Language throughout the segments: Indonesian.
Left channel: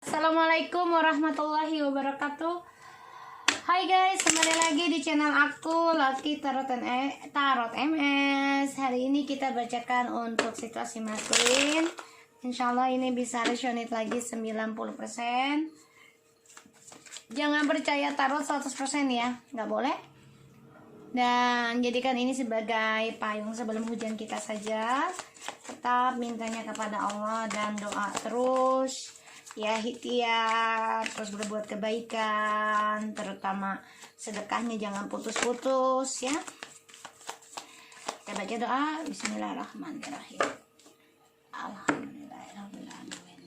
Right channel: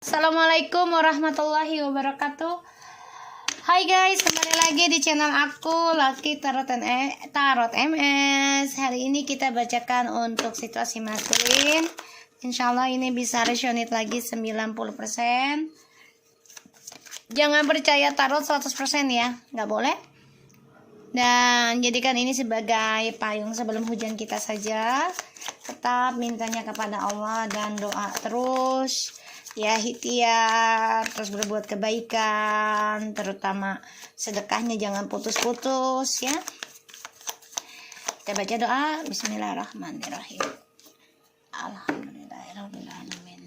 Assalamualaikum warahmatullahi wabarakatuh. Hai guys, kembali lagi di channel aku Lucky Tarot MS. Hari ini kita bacakan untuk situasi maskulin. Insya Allah ini bisa resonate lagi 90%. Jangan percaya tarot 100% ya, nggak boleh. Dan jadikan ini sebagai payung sebelum hujan kita saja. Tetap mintanya kepada Allah dan doa terus. Ya, ikhtiar, terus berbuat kebaikan, terutama sedekahnya jangan putus-putus ya. Kita baca doa. Bismillahirrahmanirrahim. Alhamdulillahirabbil alamin.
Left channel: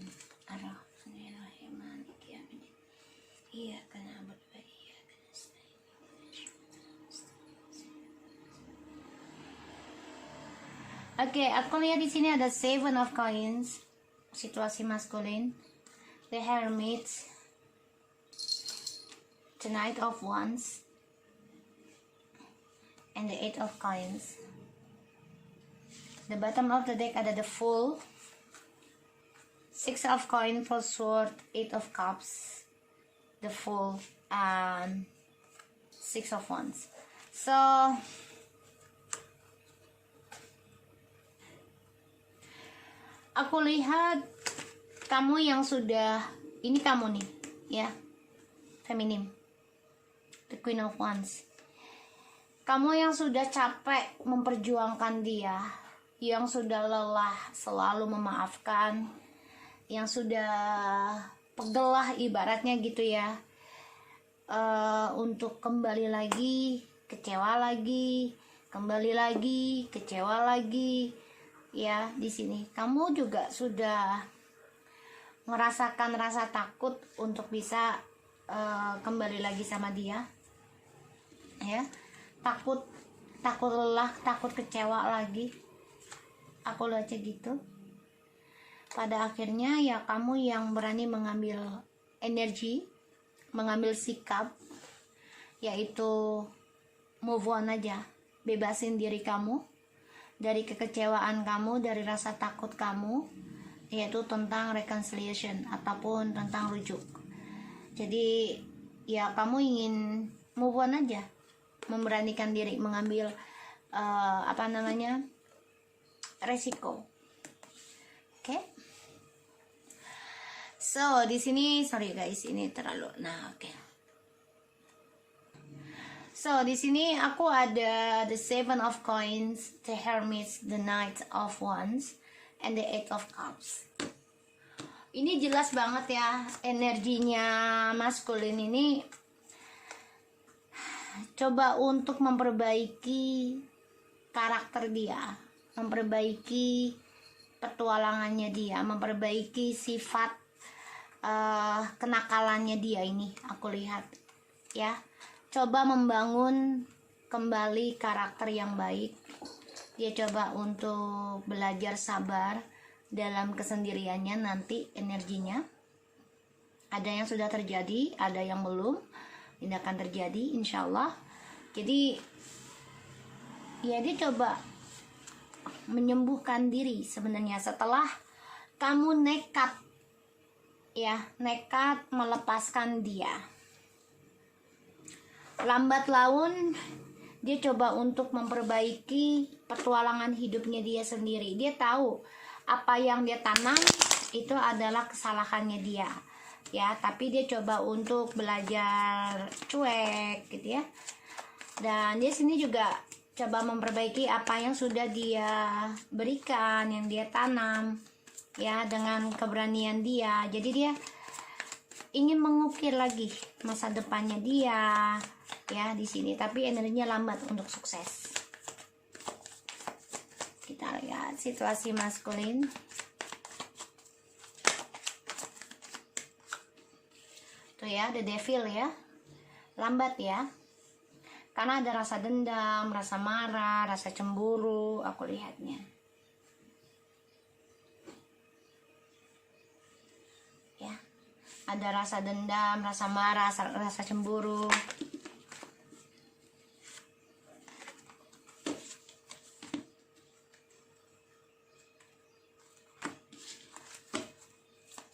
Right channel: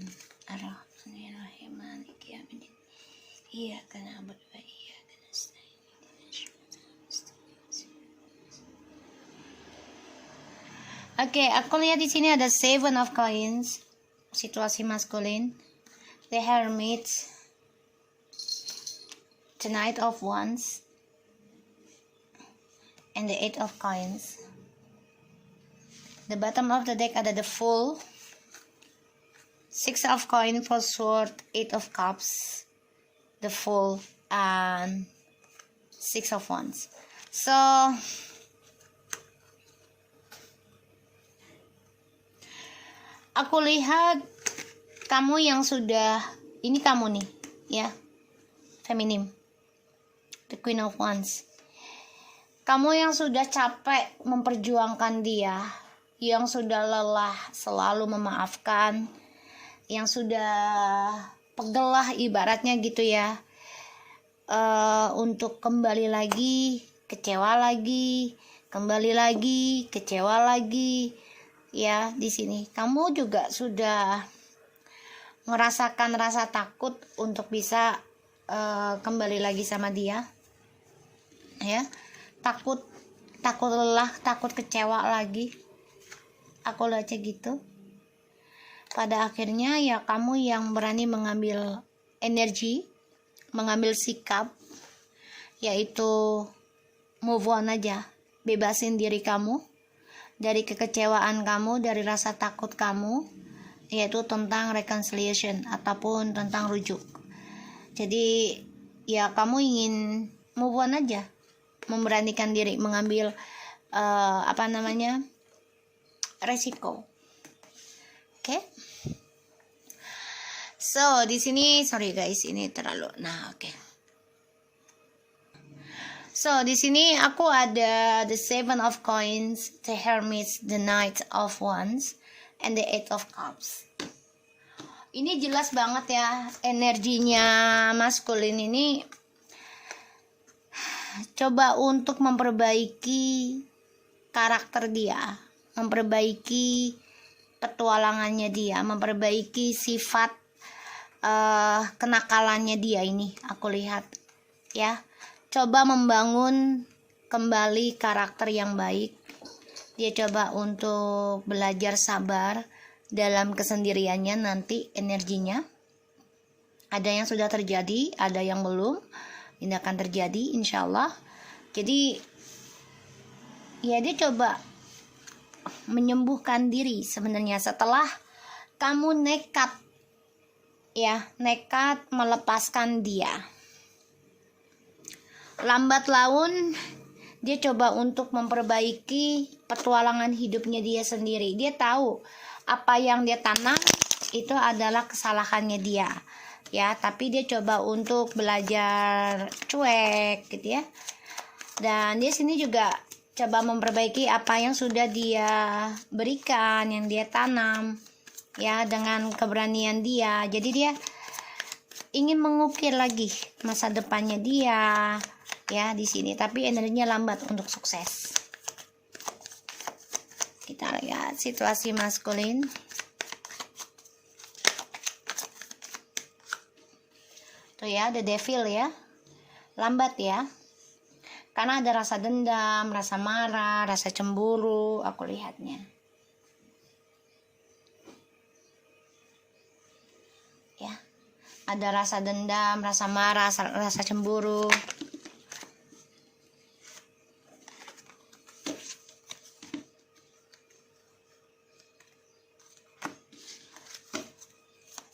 Arrahmanirrahim. Maliki yaumiddin. Iyyaka na'budu wa iyyaka nasta'in. Oke, aku lihat di sini ada Seven of Coins, situasi maskulin. The Hermit, the Knight of Wands, and the Eight of Coins. The bottom of the deck ada the Fool, Six of Coins, Four Sword, Eight of Cups, the Fool, and Six of Wands. So aku lihat kamu yang sudah, ini kamu nih ya, feminim, the Queen of Wands. Kamu yang sudah capek memperjuangkan dia, yang sudah lelah selalu memaafkan, yang sudah pegel lah ibaratnya gitu ya, untuk kembali lagi, kecewa lagi, kembali lagi, kecewa lagi ya. Di sini kamu juga sudah merasakan rasa takut untuk bisa kembali lagi sama dia ya, takut lelah, takut kecewa lagi. Aku baca gitu. Pada akhirnya ya kamu yang berani mengambil energi, mengambil sikap, yaitu move on aja, bebasin diri kamu dari kekecewaan kamu, dari rasa takut kamu, yaitu tentang reconciliation ataupun tentang rujuk. Jadi ya kamu ingin move on aja, memberanikan diri mengambil resiko. Oke. So di sini sorry guys, ini terlalu So di sini aku ada the Seven of Coins, the Hermit, the Knight of Wands, and the Eight of Cups. Ini jelas banget ya, energinya maskulin ini coba untuk memperbaiki karakter dia, memperbaiki petualangannya dia, memperbaiki sifat kenakalannya dia. Ini aku lihat ya, coba membangun kembali karakter yang baik. Dia coba untuk belajar sabar dalam kesendiriannya. Nanti energinya ada yang sudah terjadi, ada yang belum. Ini akan terjadi insya Allah. Jadi ya dia coba menyembuhkan diri sebenarnya setelah kamu nekat melepaskan dia. Lambat laun dia coba untuk memperbaiki petualangan hidupnya dia sendiri. Dia tahu apa yang dia tanam itu adalah kesalahannya dia ya, tapi dia coba untuk belajar cuek gitu ya. Dan dia sini juga coba memperbaiki apa yang sudah dia berikan, yang dia tanam ya, dengan keberanian dia. Jadi dia ingin mengukir lagi masa depannya dia ya di sini, tapi energinya lambat untuk sukses. Kita lihat situasi maskulin. Tuh ya, the devil ya, lambat ya, karena ada rasa dendam, rasa marah, rasa cemburu. Aku lihatnya ya, ada rasa dendam, rasa marah, rasa cemburu.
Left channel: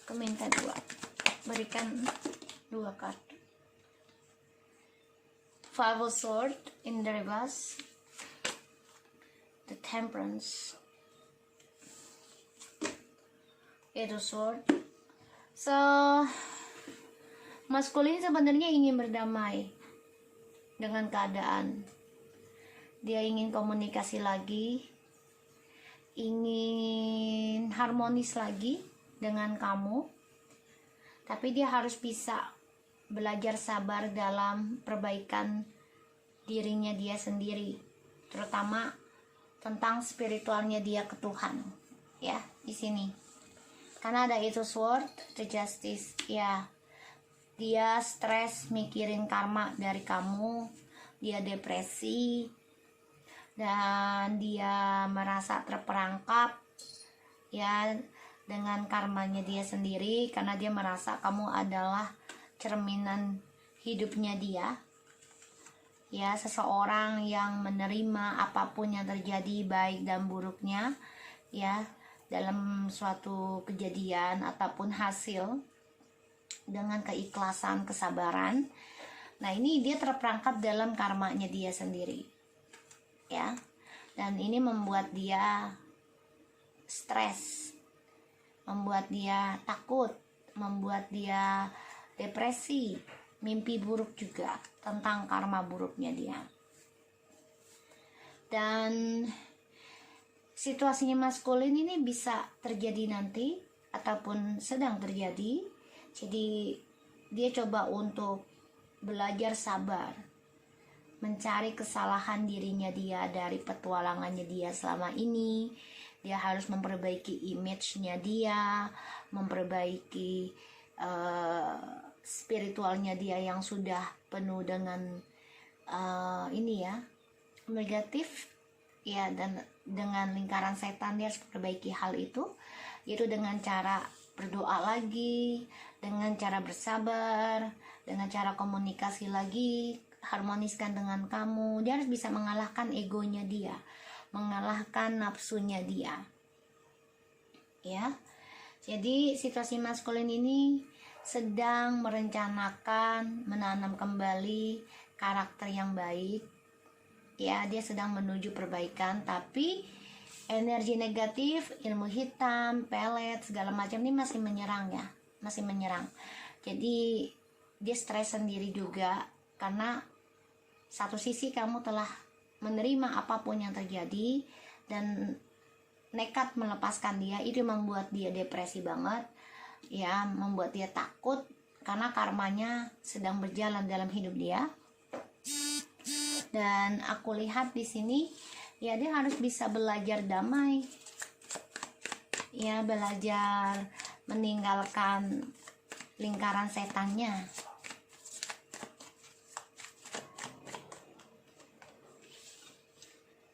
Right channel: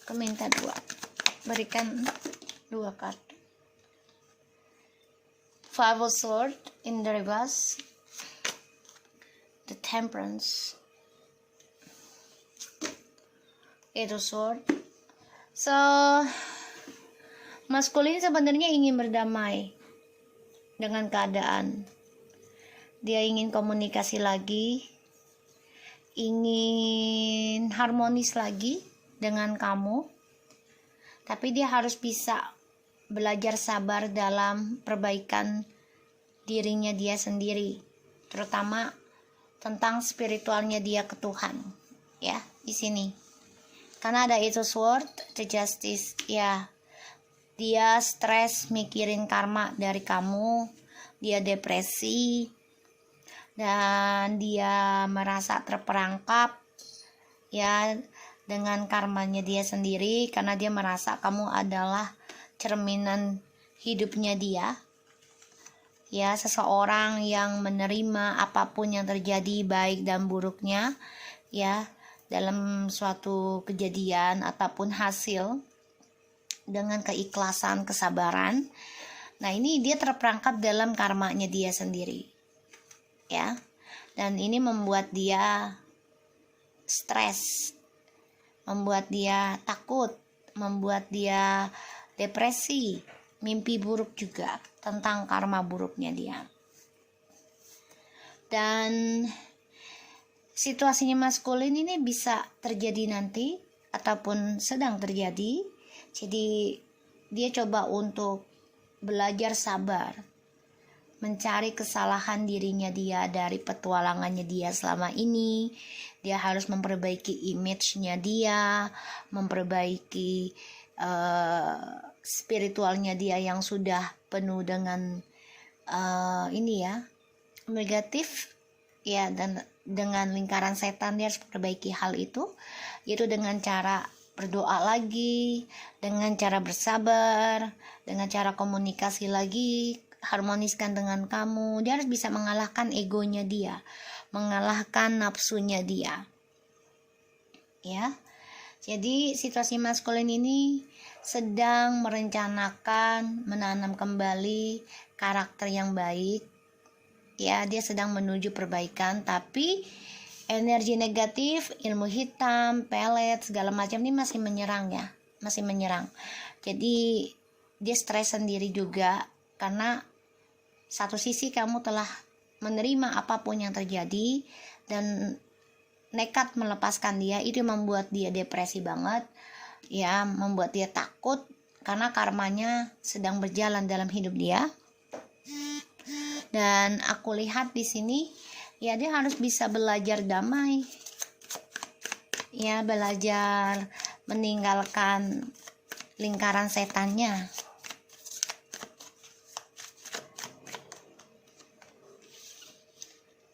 Aku minta dua. berikan 2 kartu. Five of Swords in the reverse, the Temperance, Eight of Swords. So maskulin sebenarnya ingin berdamai dengan keadaan. Dia ingin komunikasi lagi, ingin harmonis lagi dengan kamu, tapi dia harus bisa belajar sabar dalam perbaikan dirinya dia sendiri, terutama tentang spiritualnya dia ke Tuhan, ya, di sini. Karena ada itu sword, the justice, ya. Dia stres mikirin karma dari kamu, dia depresi, dan dia merasa terperangkap ya dengan karmanya dia sendiri, karena dia merasa kamu adalah cerminan hidupnya dia, ya, seseorang yang menerima apapun yang terjadi baik dan buruknya, ya, dalam suatu kejadian ataupun hasil dengan keikhlasan, kesabaran. Nah, ini dia terperangkap dalam karmanya dia sendiri, ya, dan ini membuat dia stres, membuat dia takut, membuat dia depresi, mimpi buruk juga tentang karma buruknya dia. Dan situasinya maskulin ini bisa terjadi nanti ataupun sedang terjadi. Jadi dia coba untuk belajar sabar, mencari kesalahan dirinya dia dari petualangannya dia selama ini. Dia harus memperbaiki image-nya dia, memperbaiki spiritualnya dia yang sudah penuh dengan ini ya, negatif, ya, dan dengan lingkaran setan. Dia harus memperbaiki hal itu, yaitu dengan cara berdoa lagi, dengan cara bersabar, dengan cara komunikasi lagi, harmoniskan dengan kamu. Dia harus bisa mengalahkan egonya dia, mengalahkan nafsunya dia, ya. Jadi situasi maskulin ini sedang merencanakan menanam kembali karakter yang baik, ya. Dia sedang menuju perbaikan, tapi energi negatif, ilmu hitam, pelet, segala macam ini masih menyerang, ya, masih menyerang. Jadi dia stres sendiri juga, karena satu sisi kamu telah menerima apapun yang terjadi dan nekat melepaskan dia. Itu membuat dia depresi banget, ya, membuat dia takut karena karmanya sedang berjalan dalam hidup dia. Dan aku lihat di sini, ya, dia harus bisa belajar damai, ya, belajar meninggalkan lingkaran setannya.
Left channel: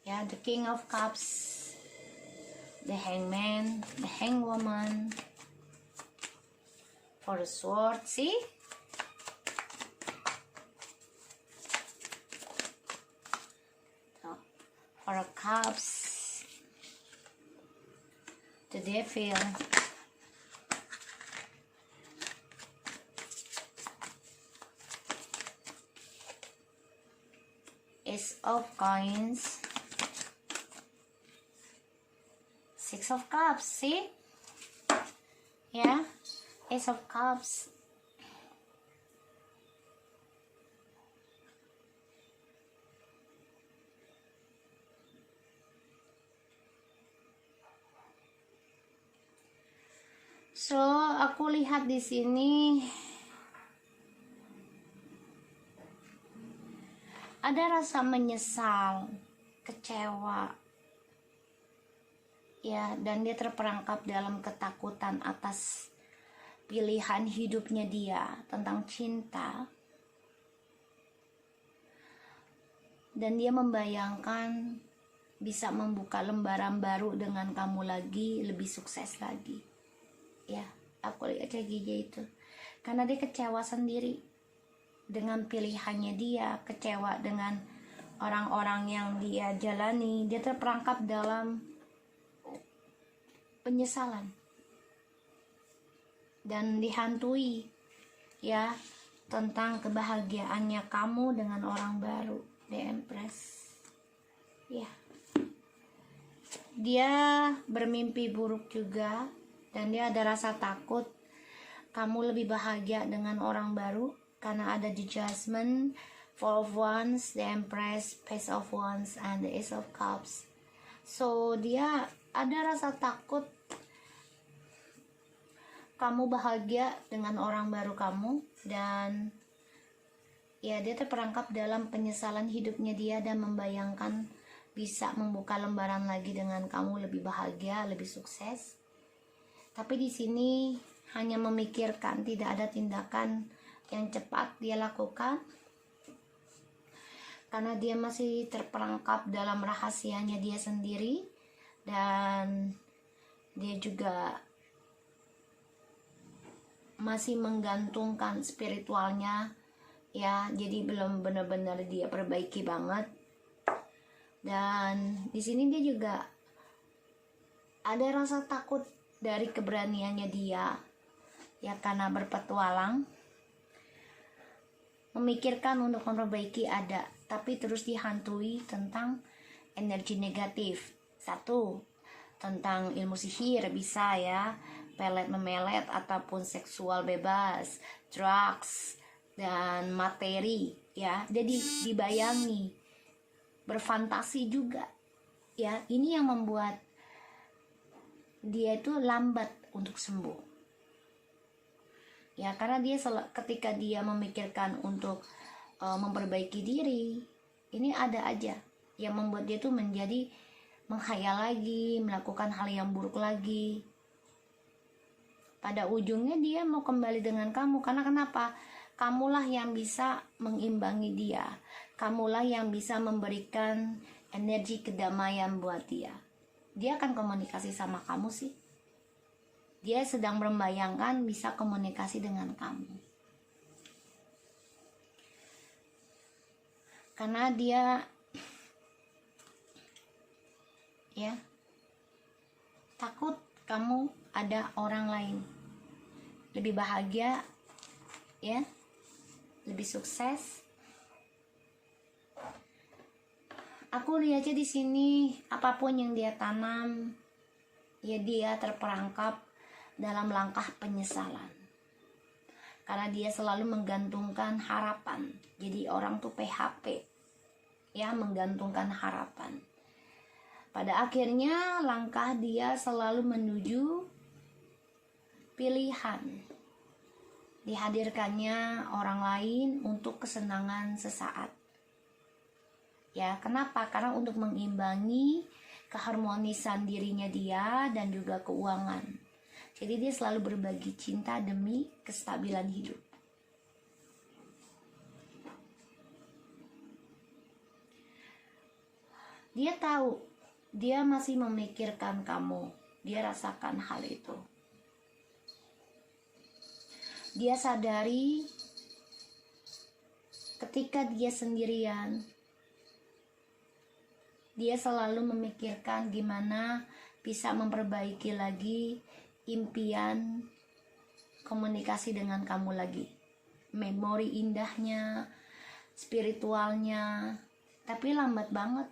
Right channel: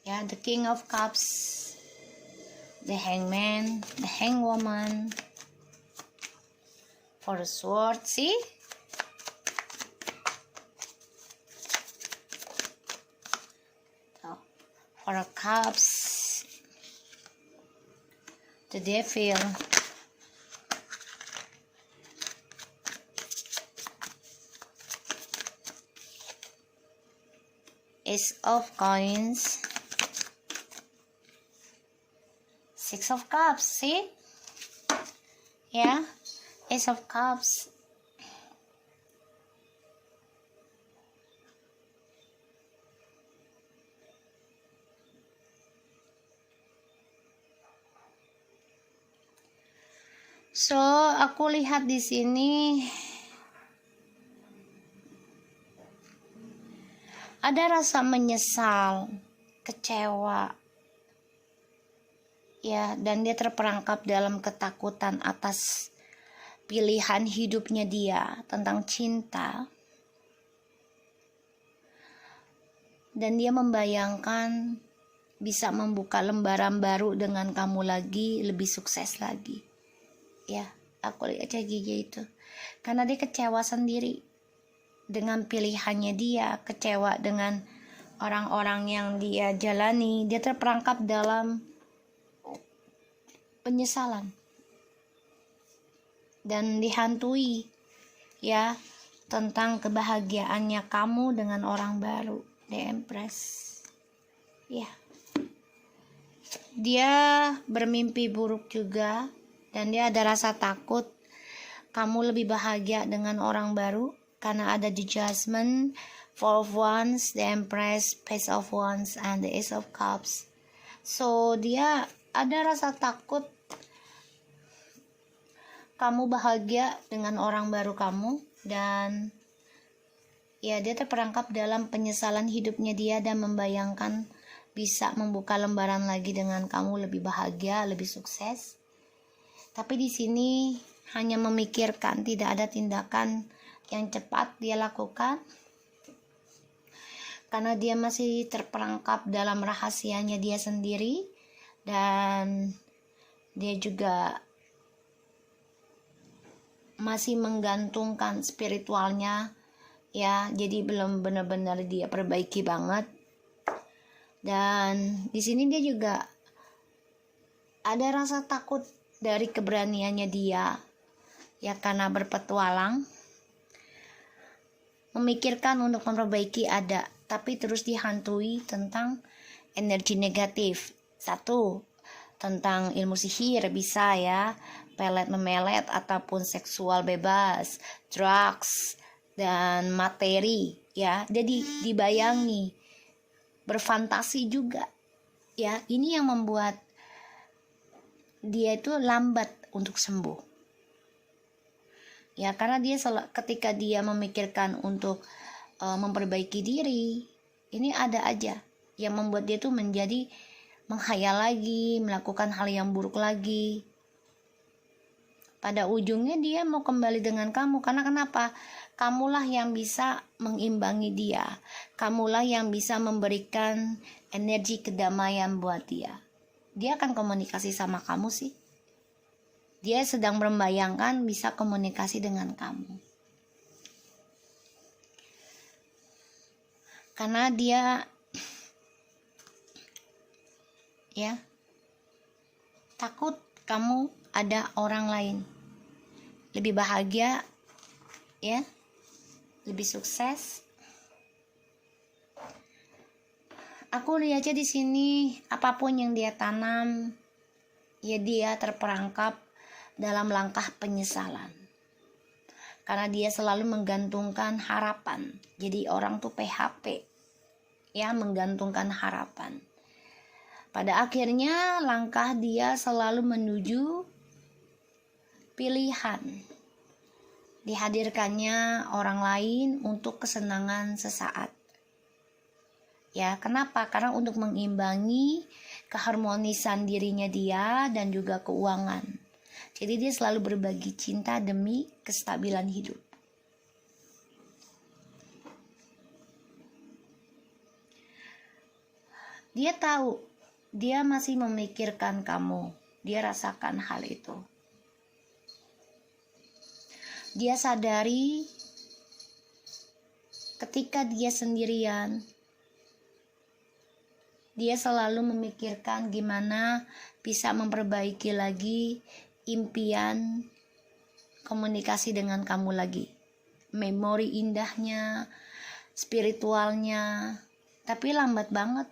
Ya, the King of Cups, the Hangman, the Hangwoman, for the sword, see? For the cups, the Devil, Ace of Coins, Six of Cups, see? Yeah, Ace of Cups. So, aku lihat di sini ada rasa menyesal, kecewa, ya, dan dia terperangkap dalam ketakutan atas pilihan hidupnya dia tentang cinta. Dan dia membayangkan bisa membuka lembaran baru dengan kamu lagi, lebih sukses lagi. Ya, aku lihat kayak gitu itu. Karena dia kecewa sendiri dengan pilihannya dia, kecewa dengan orang-orang yang dia jalani. Dia terperangkap dalam penyesalan dan dihantui ya, tentang kebahagiaannya kamu dengan orang baru, The Empress. Ya, dia bermimpi buruk juga, dan dia ada rasa takut kamu lebih bahagia dengan orang baru karena ada the Judgment, Four of Wands, the Empress, Page of Wands, and the Ace of Cups. So dia ada rasa takut kamu bahagia dengan orang baru kamu, dan ya dia terperangkap dalam penyesalan hidupnya dia dan membayangkan bisa membuka lembaran lagi dengan kamu lebih bahagia, lebih sukses. Tapi di sini hanya memikirkan, tidak ada tindakan yang cepat dia lakukan karena dia masih terperangkap dalam rahasianya dia sendiri, dan dia juga masih menggantungkan spiritualnya, ya, jadi belum benar-benar dia perbaiki banget. Dan di sini dia juga ada rasa takut dari keberaniannya dia, ya, karena berpetualang, memikirkan untuk memperbaiki ada, tapi terus dihantui tentang energi negatif. Satu, tentang ilmu sihir bisa, ya, pelet memelet ataupun seksual bebas, drugs, dan materi, ya. Jadi dibayangi, berfantasi juga, ya. Ini yang membuat dia itu lambat untuk sembuh, ya, karena dia ketika dia memikirkan untuk memperbaiki diri, ini ada aja yang membuat dia tuh menjadi menghayal lagi, melakukan hal yang buruk lagi. Pada ujungnya dia mau kembali dengan kamu, karena kenapa? Kamulah yang bisa mengimbangi dia, kamulah yang bisa memberikan energi kedamaian buat dia. Dia akan komunikasi sama kamu sih, dia sedang membayangkan bisa komunikasi dengan kamu, karena dia, ya, takut kamu ada orang lain lebih bahagia, ya, lebih sukses. Aku lihatnya di sini apapun yang dia tanam, ya, dia terperangkap dalam langkah penyesalan, karena dia selalu menggantungkan harapan. Jadi orang tuh PHP, ya, menggantungkan harapan. Pada akhirnya langkah dia selalu menuju pilihan, dihadirkannya orang lain untuk kesenangan sesaat, ya. Kenapa? Karena untuk mengimbangi keharmonisan dirinya dia dan juga keuangan. Jadi dia selalu berbagi cinta demi kestabilan hidup. Dia tahu, dia masih memikirkan kamu, dia rasakan hal itu. Dia sadari ketika dia sendirian, dia selalu memikirkan gimana bisa memperbaiki lagi impian komunikasi dengan kamu lagi, memori indahnya, spiritualnya. Tapi lambat banget,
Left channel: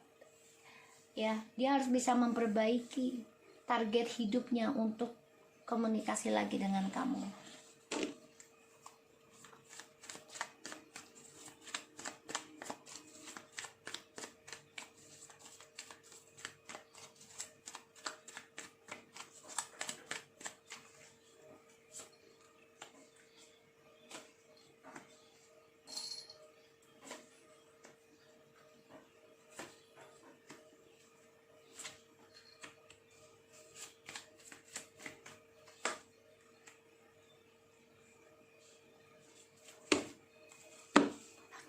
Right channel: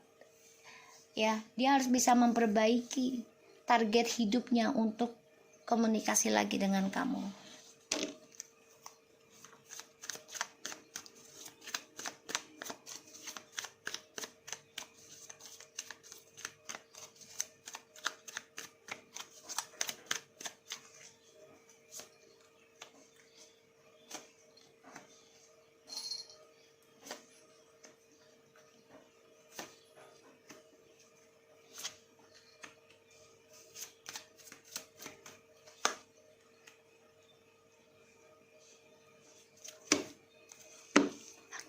ya. Dia harus bisa memperbaiki target hidupnya untuk komunikasi lagi dengan kamu.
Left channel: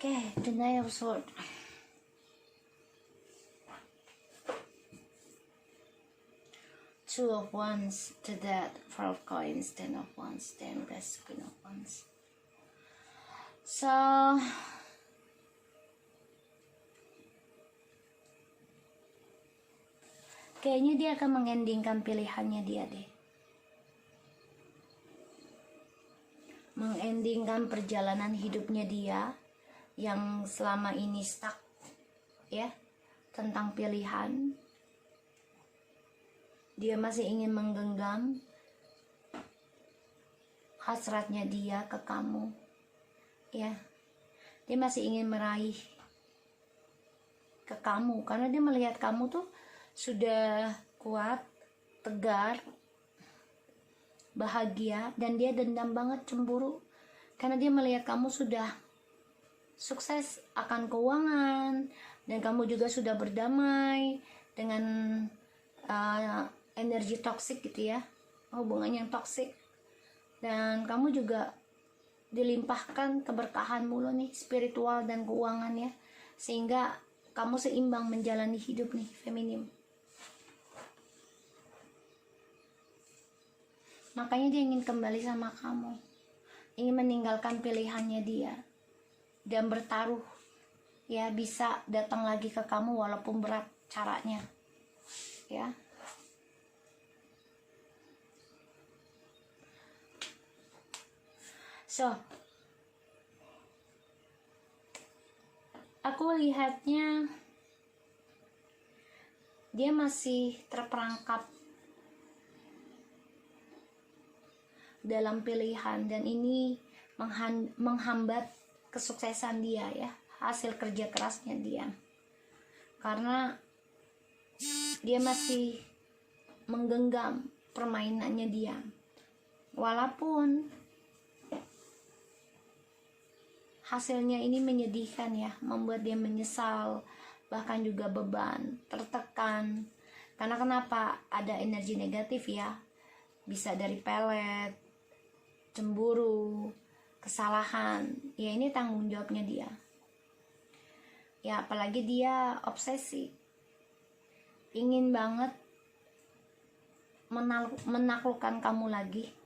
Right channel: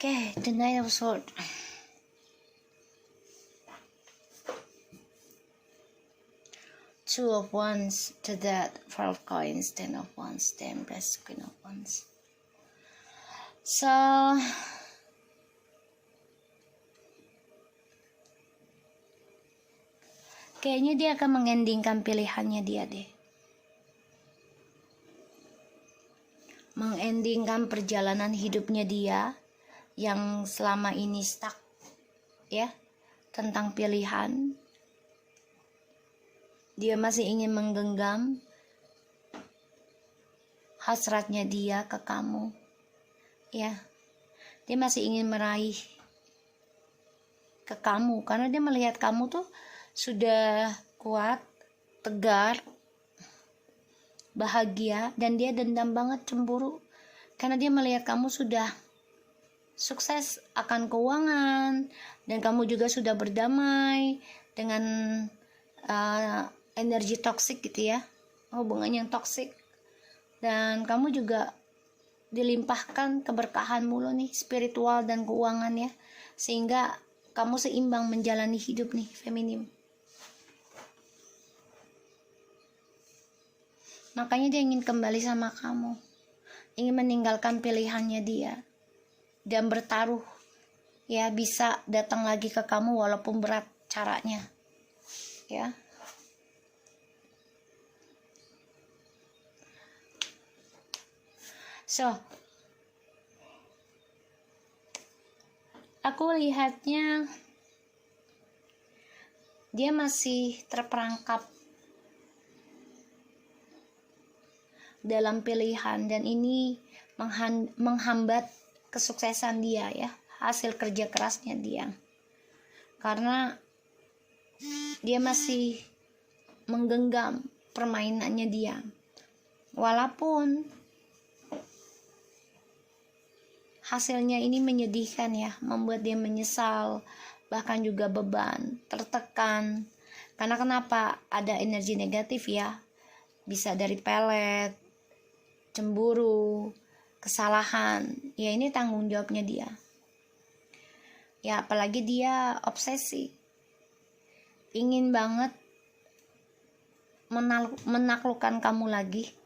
Okay, the Knight of Swords. Two of Wands, the Death, Four of Coins, Ten of Wands, the Empress, Queen of Wands. So, kayaknya dia akan mengendingkan pilihannya dia deh. mengendingkan perjalanan hidupnya dia yang selama ini stuck, ya, tentang pilihan. Dia masih ingin menggenggam hasratnya dia ke kamu, ya. Dia masih ingin meraih ke kamu karena dia melihat kamu tuh sudah kuat, tegar, bahagia, dan dia dendam banget, cemburu karena dia melihat kamu sudah sukses akan keuangan dan kamu juga sudah berdamai dengan energi toksik gitu ya, hubungan yang toksik, dan kamu juga dilimpahkan keberkahan mulu nih, spiritual dan keuangan ya, sehingga kamu seimbang menjalani hidup nih, feminim. Makanya dia ingin kembali sama kamu, ingin meninggalkan pilihannya dia dan bertaruh, ya, bisa datang lagi ke kamu walaupun berat caranya, ya. So, aku lihatnya dia masih terperangkap dalam pilihan, dan ini menghambat kesuksesan dia ya, hasil kerja kerasnya dia, karena dia masih menggenggam permainannya dia, walaupun hasilnya ini menyedihkan ya, membuat dia menyesal, bahkan juga beban, tertekan. Karena kenapa? Ada energi negatif ya, bisa dari pelet, cemburu, kesalahan. Ya ini tanggung jawabnya dia. Ya apalagi dia obsesi, ingin banget menaklukkan kamu lagi.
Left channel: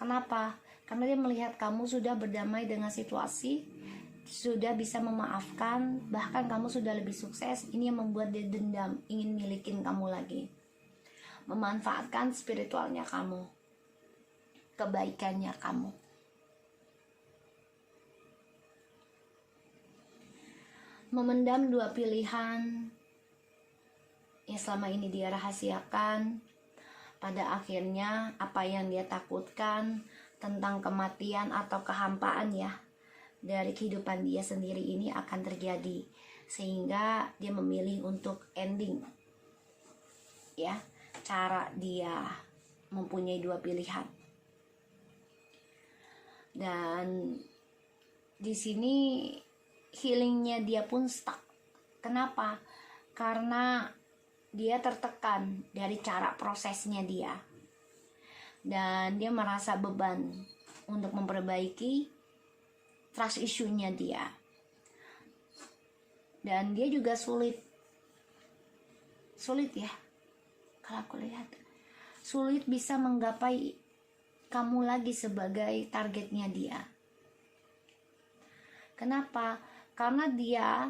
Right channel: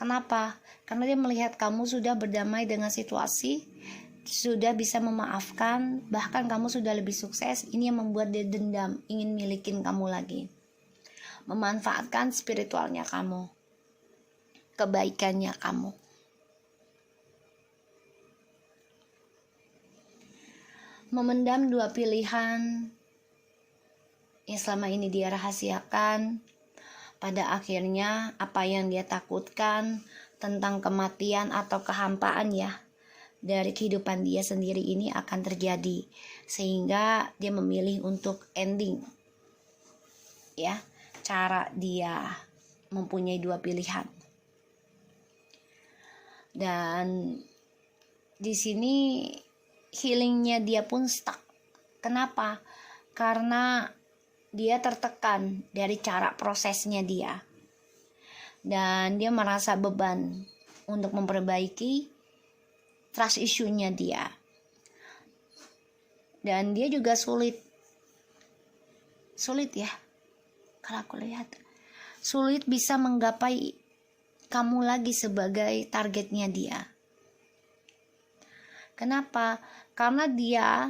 Kenapa? Karena dia melihat kamu sudah berdamai dengan situasi, sudah bisa memaafkan, bahkan kamu sudah lebih sukses. Ini yang membuat dia dendam, ingin milikin kamu lagi, memanfaatkan spiritualnya kamu, kebaikannya kamu. Memendam dua pilihan yang selama ini dia rahasiakan, pada akhirnya apa yang dia takutkan tentang kematian atau kehampaan ya dari kehidupan dia sendiri ini akan terjadi, sehingga dia memilih untuk ending ya. Cara dia mempunyai dua pilihan, dan di sini healingnya dia pun stuck. Kenapa? Karena dia tertekan dari cara prosesnya dia, dan dia merasa beban untuk memperbaiki trust issue-nya dia, dan dia juga sulit ya, kalau aku lihat sulit bisa menggapai kamu lagi sebagai targetnya dia. Kenapa? Karena dia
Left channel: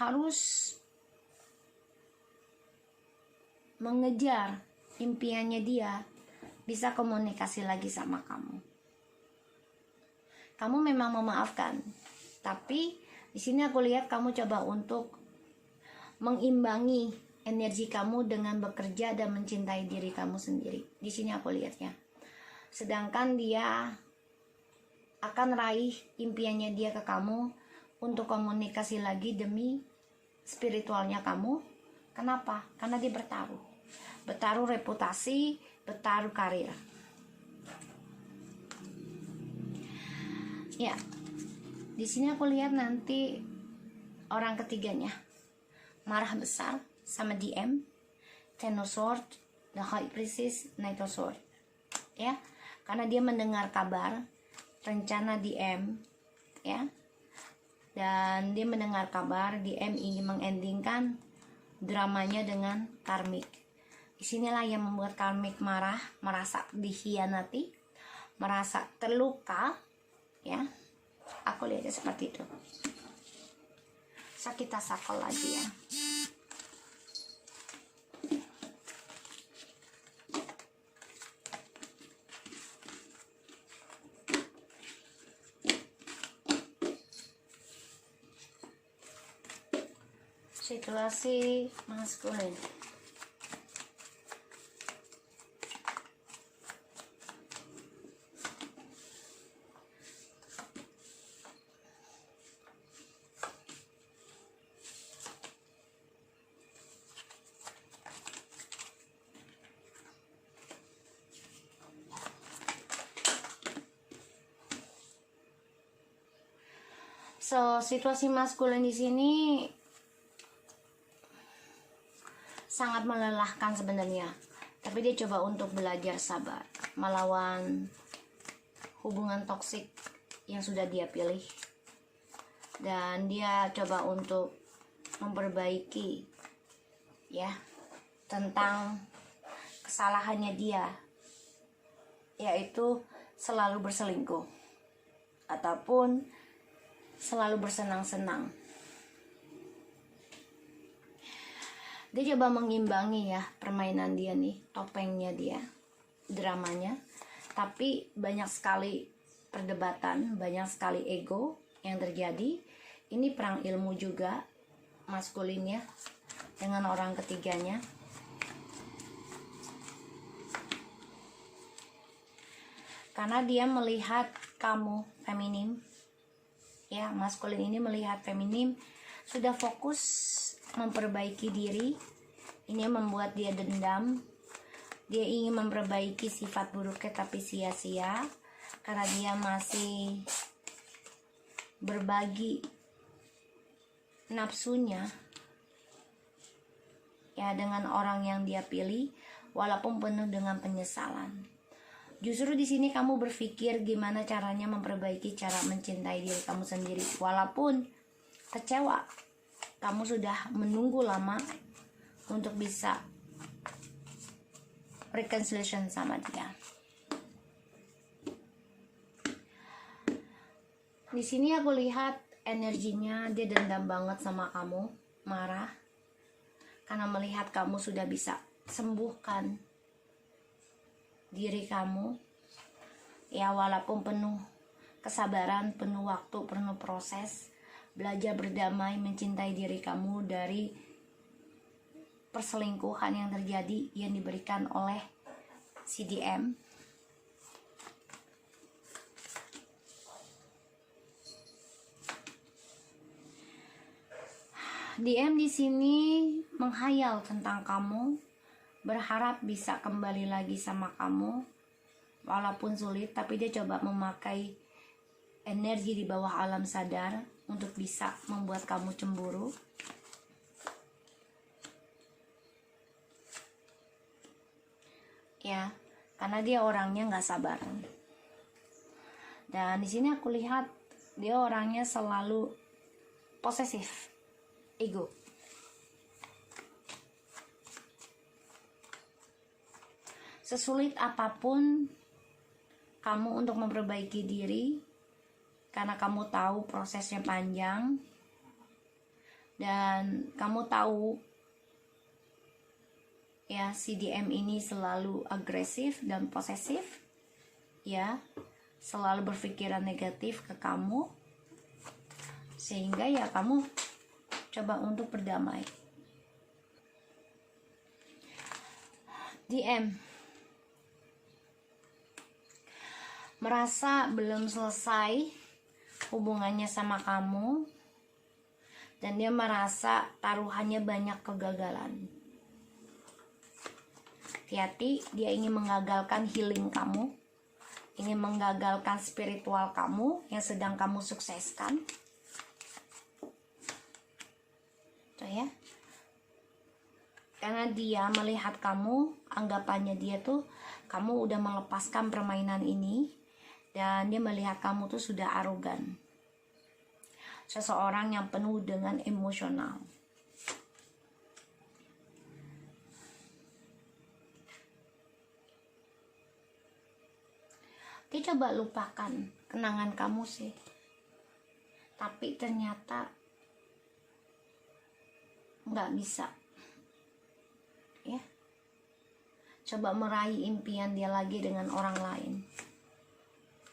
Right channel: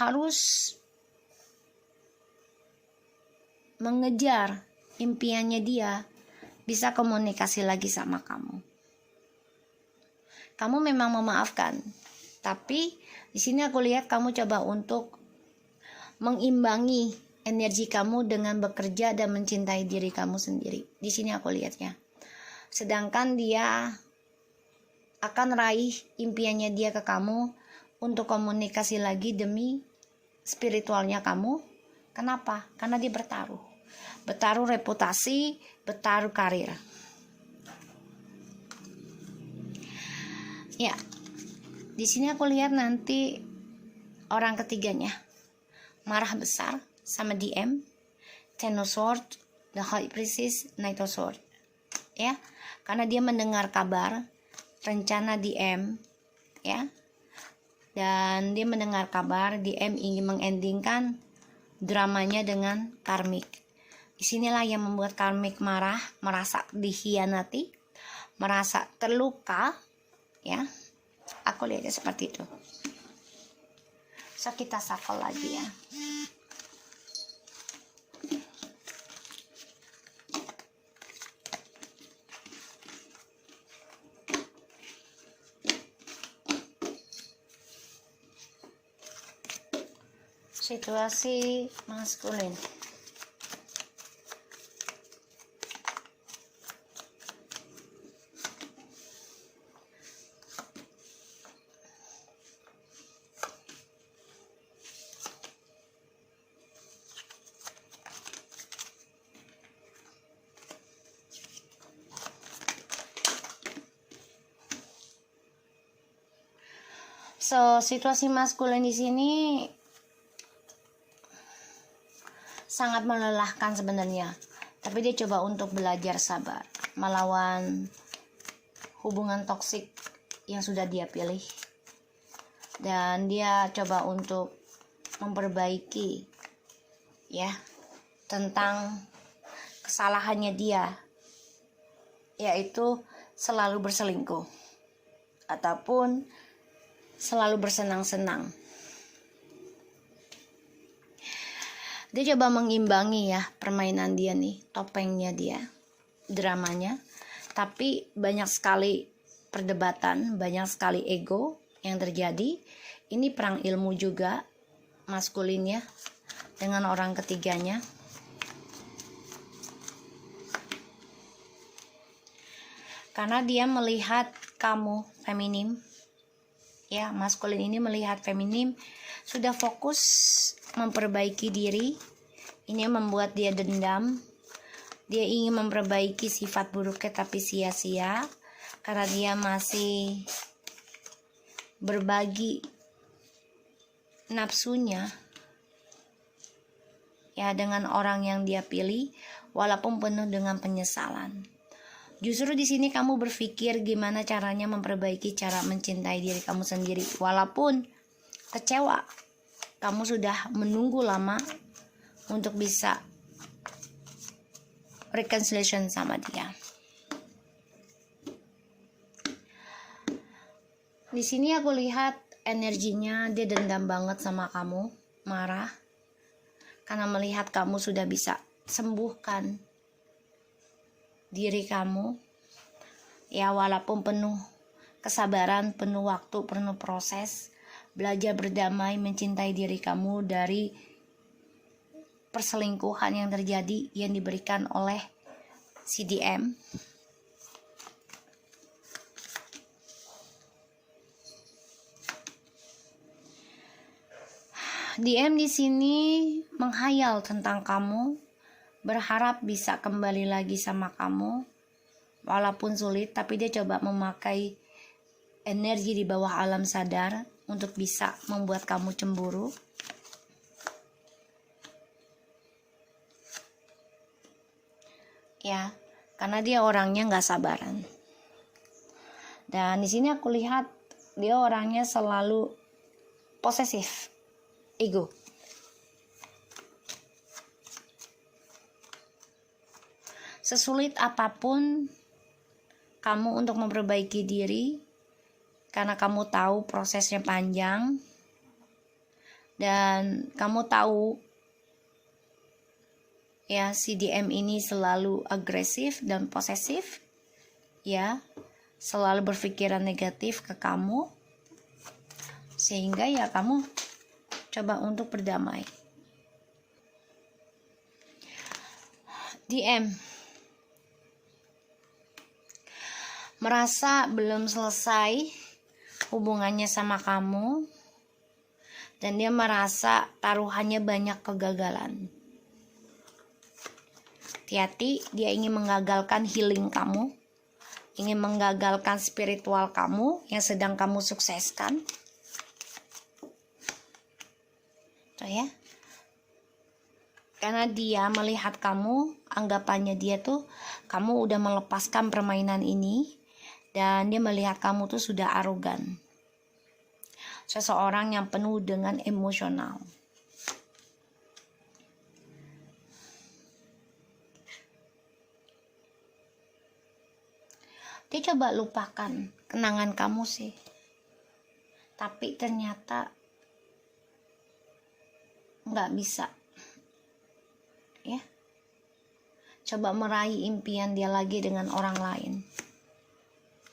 harus mengejar impiannya dia bisa komunikasi lagi sama kamu. Kamu memang memaafkan, tapi di sini aku lihat kamu coba untuk mengimbangi energi kamu dengan bekerja dan mencintai diri kamu sendiri. Di sini aku lihatnya. Sedangkan dia akan raih impiannya dia ke kamu untuk komunikasi lagi demi spiritualnya kamu. Kenapa? Karena dia bertaruh reputasi, bertaruh karir. Ya, di sini aku lihat nanti orang ketiganya marah besar sama DM, Ten of Swords, The High Priestess, Knight of Swords. Ya, karena dia mendengar kabar rencana DM, ya, dan dia mendengar kabar DM ingin mengendingkan dramanya dengan karmik. Disinilah yang membuat karmik marah, merasa dikhianati, merasa terluka, ya. Aku lihatnya seperti itu. So kita shuffle lagi ya. situasi maskulin. So, situasi maskulin di sini sangat melelahkan sebenarnya. Tapi dia coba untuk belajar sabar melawan hubungan toksik yang sudah dia pilih. Dan dia coba untuk memperbaiki ya tentang kesalahannya dia, yaitu selalu berselingkuh ataupun selalu bersenang-senang. Dia coba mengimbangi ya permainan dia nih, topengnya dia, dramanya. Tapi banyak sekali perdebatan, banyak sekali ego yang terjadi. Ini perang ilmu juga maskulin ya dengan orang ketiganya. Karena dia melihat kamu feminim. Ya, maskulin ini melihat feminim sudah fokus memperbaiki diri. Ini membuat dia dendam. Dia ingin memperbaiki sifat buruknya tapi sia-sia karena dia masih berbagi nafsunya ya dengan orang yang dia pilih walaupun penuh dengan penyesalan. Justru di sini kamu berpikir gimana caranya memperbaiki cara mencintai diri kamu sendiri. Walaupun kecewa, kamu sudah menunggu lama untuk bisa reconciliation sama dia. Di sini aku lihat energinya dia dendam banget sama kamu, marah karena melihat kamu sudah bisa sembuhkan diri kamu ya, walaupun penuh kesabaran, penuh waktu, penuh proses, belajar berdamai, mencintai diri kamu dari perselingkuhan yang terjadi yang diberikan oleh CDM. DM di sini menghayal tentang kamu, berharap bisa kembali lagi sama kamu walaupun sulit, tapi dia coba memakai energi di bawah alam sadar untuk bisa membuat kamu cemburu. Ya, karena dia orangnya nggak sabaran. Dan di sini aku lihat dia orangnya selalu posesif, ego. Sesulit apapun kamu untuk memperbaiki diri, karena kamu tahu prosesnya panjang dan kamu tahu ya CDM ini selalu agresif dan posesif ya, selalu berpikiran negatif ke kamu, sehingga ya kamu coba untuk berdamai. DM merasa belum selesai hubungannya sama kamu dan dia merasa taruhannya banyak kegagalan. Hati-hati, dia ingin menggagalkan healing kamu, ingin menggagalkan spiritual kamu yang sedang kamu sukseskan. Tuh ya. Karena dia melihat kamu, anggapannya dia tuh kamu udah melepaskan permainan ini. Dan dia melihat kamu tuh sudah arogan. Seseorang yang penuh dengan emosional. Dia coba lupakan kenangan kamu sih. Tapi ternyata nggak bisa. Ya. Coba meraih impian dia lagi dengan orang lain.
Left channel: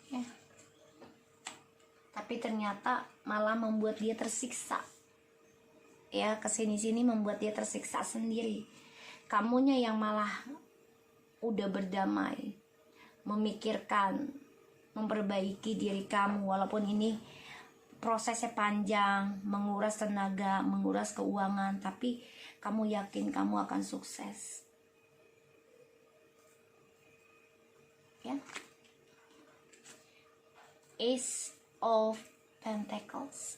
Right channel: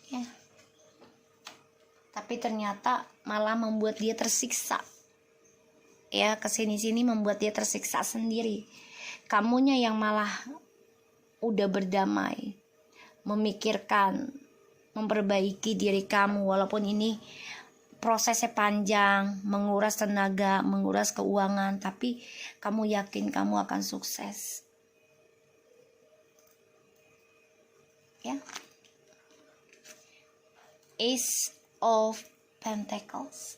Ya. Tapi ternyata malah membuat dia tersiksa. ya kesini-sini membuat dia tersiksa sendiri. Kamunya yang malah udah berdamai, memikirkan, memperbaiki diri kamu, walaupun ini prosesnya panjang, menguras tenaga, menguras keuangan, tapi kamu yakin kamu akan sukses. Ya. Ace of Pentacles.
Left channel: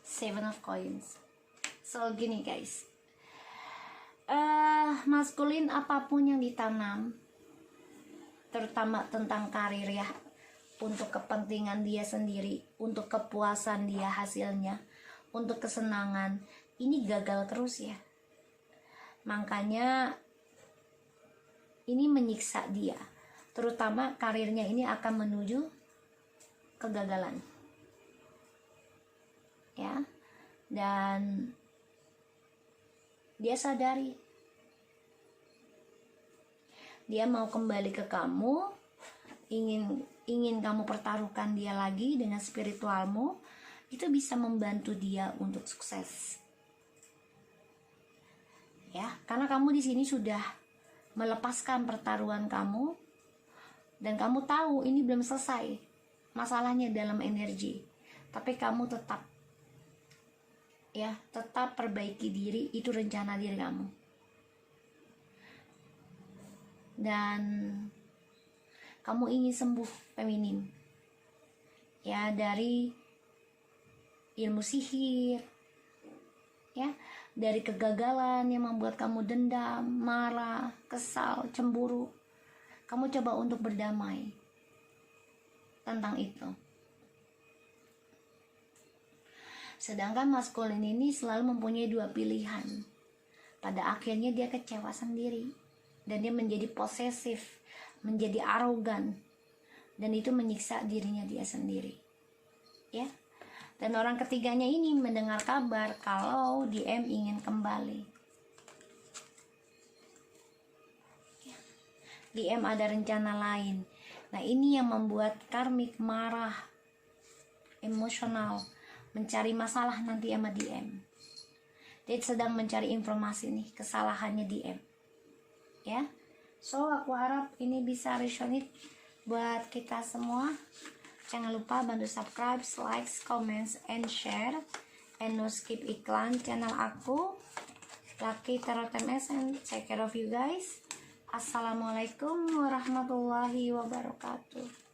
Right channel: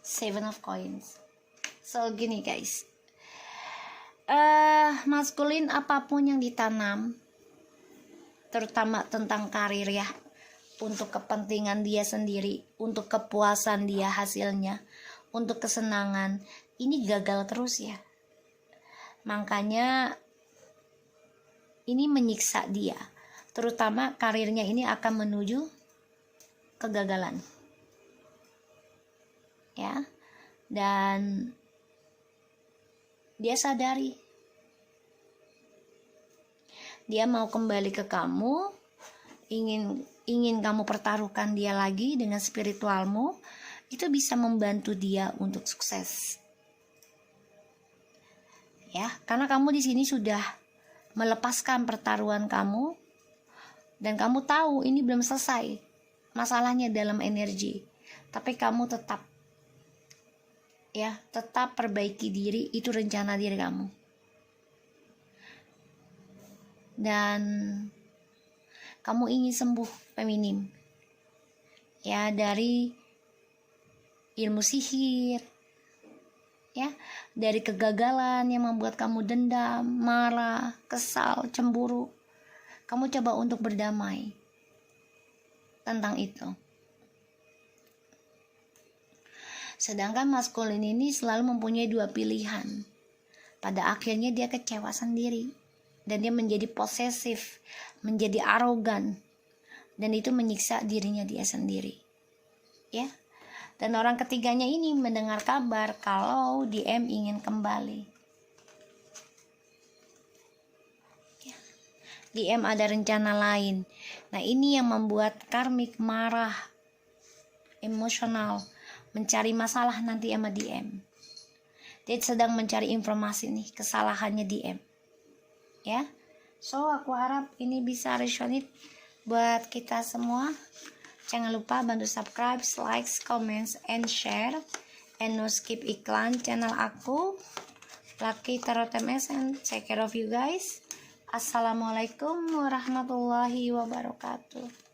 Seven of Coins. So gini guys, maskulin apapun yang ditanam, terutama tentang karir ya, untuk kepentingan dia sendiri, untuk kepuasan dia hasilnya, untuk kesenangan, ini gagal terus ya. Makanya ini menyiksa dia, terutama karirnya ini akan menuju kegagalan ya. Dan dia sadari dia mau kembali ke kamu, ingin kamu pertaruhkan dia lagi dengan spiritualmu, itu bisa membantu dia untuk sukses. Ya, karena kamu di sini sudah melepaskan pertaruhan kamu dan kamu tahu ini belum selesai masalahnya dalam energi, tapi kamu tetap perbaiki diri, itu rencana diri kamu. Dan kamu ingin sembuh feminim ya, dari ilmu sihir ya, dari kegagalan yang membuat kamu dendam, marah, kesal, cemburu. Kamu coba untuk berdamai tentang itu. Sedangkan maskulin ini selalu mempunyai dua pilihan. Pada akhirnya dia kecewa sendiri dan dia menjadi posesif, menjadi arogan, dan itu menyiksa dirinya dia sendiri. Ya. Dan orang ketiganya ini mendengar kabar kalau DM ingin kembali. Ya. DM ada rencana lain. Nah, ini yang membuat karmik marah, emosional, mencari masalah nanti sama DM. Dia sedang mencari informasi nih, kesalahannya DM. Ya. So, aku harap ini bisa resonate buat kita semua. Jangan lupa bantu subscribe, like, comments, and share. And no skip iklan channel aku, Lucky Tarot MS, and take care of you guys. Assalamualaikum warahmatullahi wabarakatuh.